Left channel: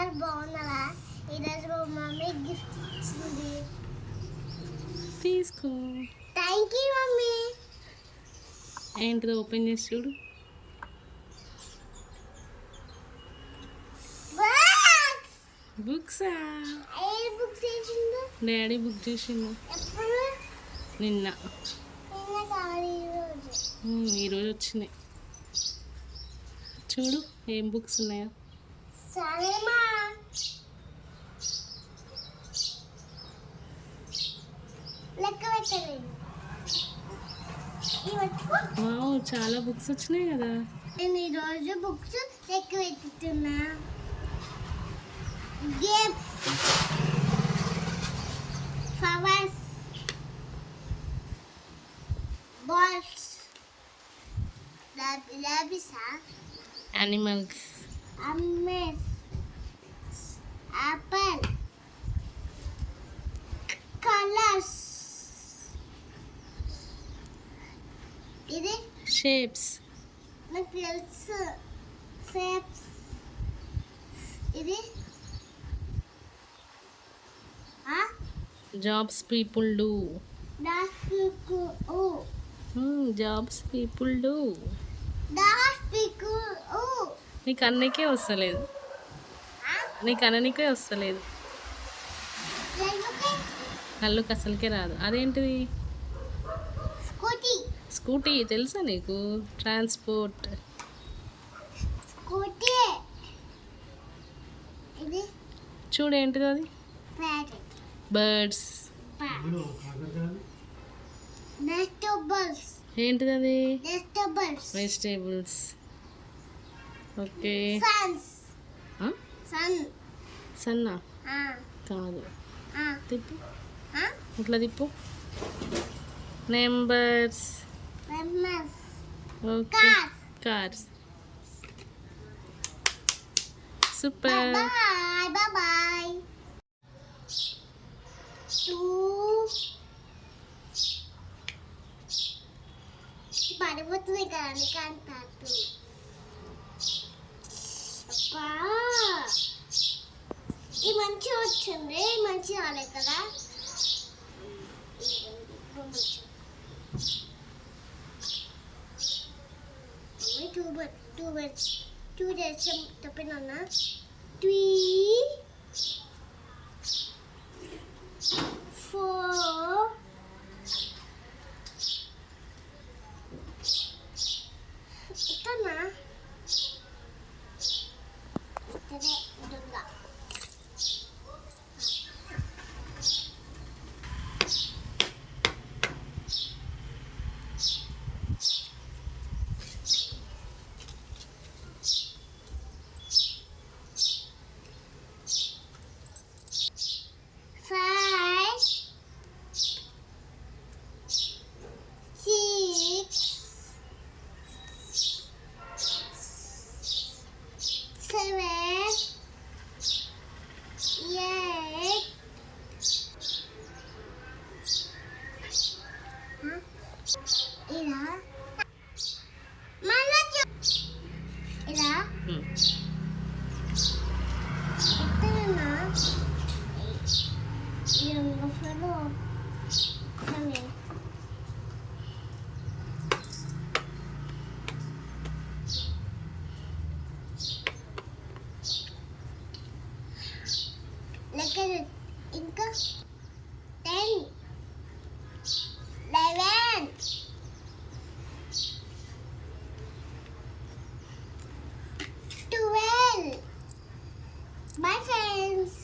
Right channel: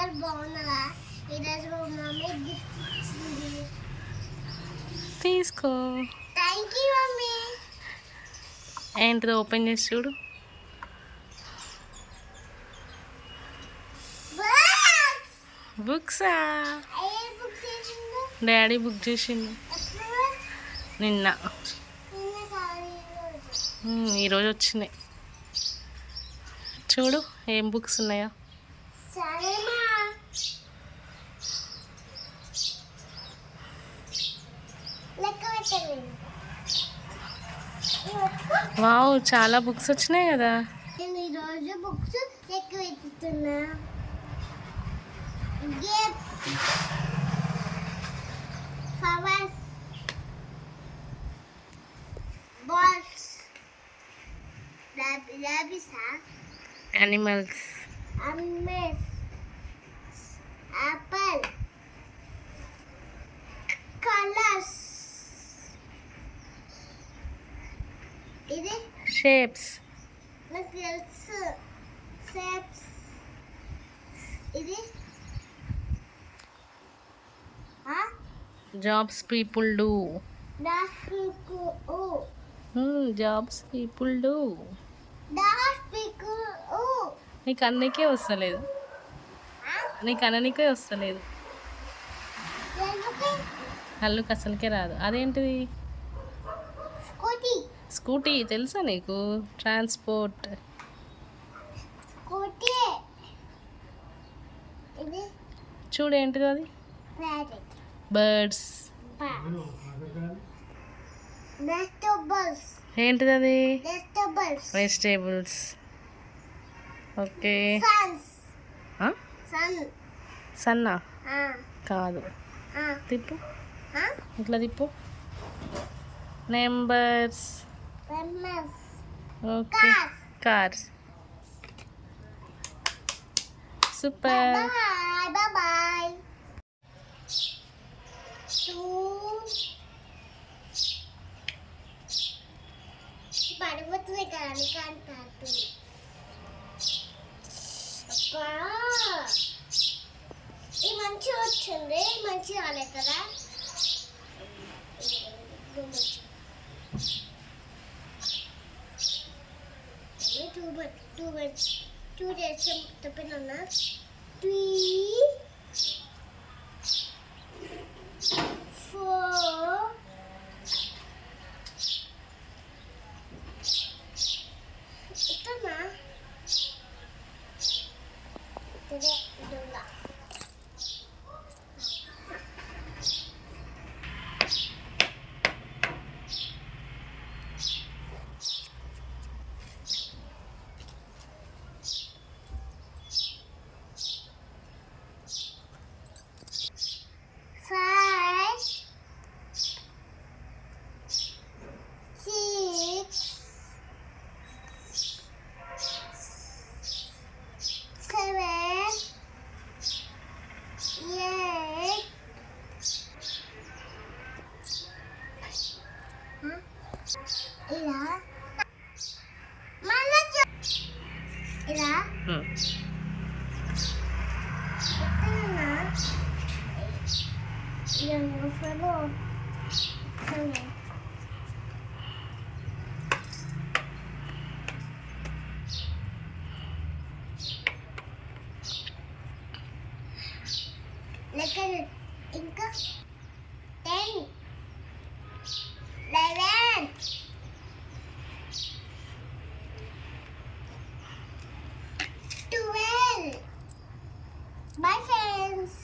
అందరు బాగున్నారా? ఈరోజు మా మమ్మీ గిఫ్ట్ ఇచ్చింది. తీసుకో. Thank you mummy. ఏంటిదో ఓపెన్ చేసి చూడు. బుక్సా? డాడీ బుక్ చేసిండు నిన్న. ఈరోజు వచ్చినాయి. చూడు ఏం బుక్స్ ఉన్నాయో. వావ్, చాలా బుక్స్ వచ్చినాయి కదా. నేను ఈరోజు బుక్స్ లెక్క పెట్టుతున్నా. Flowers, balls, animals, apple, colours, ఇది షేప్స్, నాకు తెలుసు. షేప్స్, ఇది జాబ్స్ పీపుల్ డూ. దాస్పికు జాబ్స్ పీపుల్ డూ. దాస్పికు నీకు అన్నికే వస్తలేదు, నీకు అననికే వస్తలేదు. అల్లుకి అసలుకే రాదు. అదేంటిది? స్కూటీ. స్కూటీ తెలుసా నీకు? ట్రాన్స్పోర్ట్. స్కూటీ. ఇది చూడు ఏంటిది అది? బర్డ్స్. వెజిటబుల్స్. ఏంటిది అది? వెజిటబుల్స్. వెజిటేబుల్స్. ఓకే. సన్. సన్నా? కాదు. తిప్పు, ఇట్లా తిప్పు. Numbers. Okay. Cars. Super. Boy. పడిపోతుంది కానీ కాంటాక్ట్. ఈ మంచి వచ్చింది, మంచి రాలే కదా. టూ డేస్ చెప్పినా. 3 4 ఇతనా ఇతనే దొంగ. ఇలా మళ్ళీ ఇలా ఎత్తనా ఫలో లెక్క ఇంకా 10 11 12. Bye friends.